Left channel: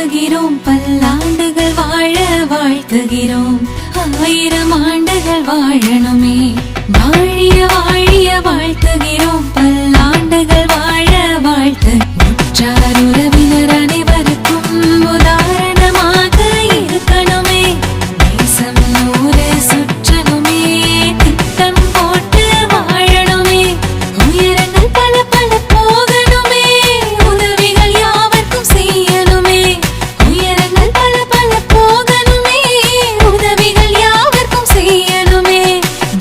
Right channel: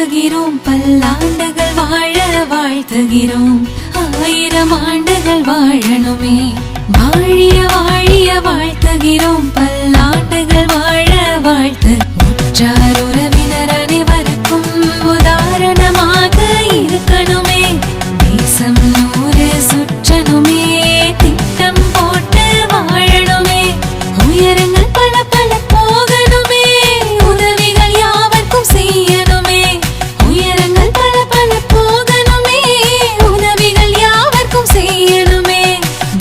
வாழ்த்துகிறோம், பல்லாண்டுகள் வாழ வாழ்த்துகிறோம், 1000 ஆண்டுகள் வாழணுமே. வாழிய வாழிய வாழ்த்துகிறோம், பல்லாண்டுகள் வாழ வாழ்த்து. உற்றார் உறவினர் அனைவருக்கும் உதாரணமாக இருக்கணுமே. தேசம் 100 சுற்றணுமே, திட்டம் போட்டு வாழணுமே. உயரங்கள் பல பல போகணுமே, உதவிகள் யாவர்க்கும் செய்யணுமே. உயரங்கள் பல பல போகணுமே, உதவிகள் யாவர்க்கும் செய்யணுமே.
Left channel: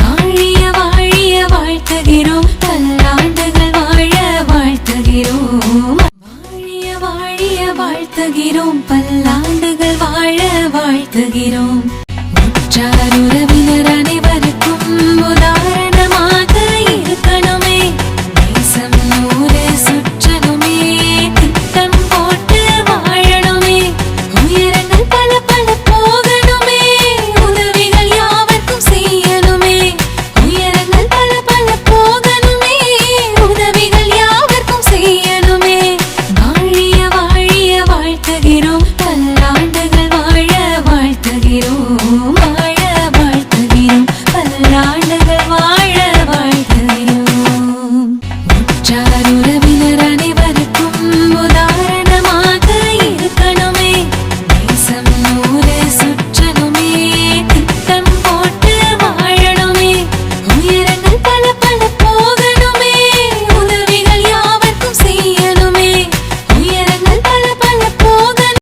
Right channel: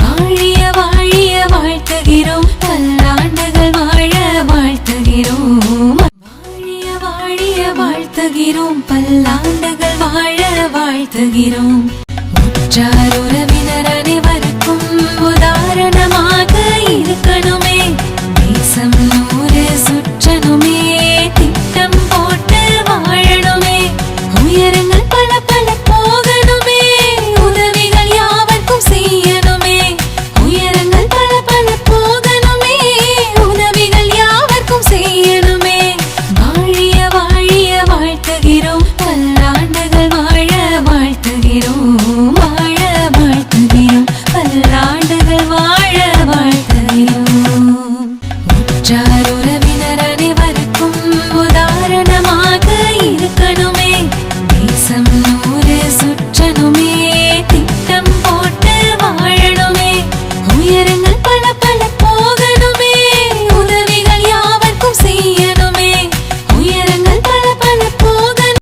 வாழிய வாழிய வாழ்த்துகிறோம், பல்லாண்டுகள் வாழ வாழ்த்துகிறோம். வாழிய வாழிய வாழ்த்துகிறோம், பல்லாண்டுகள் வாழ வாழ்த்துகிறோம். உற்றார் உறவினர்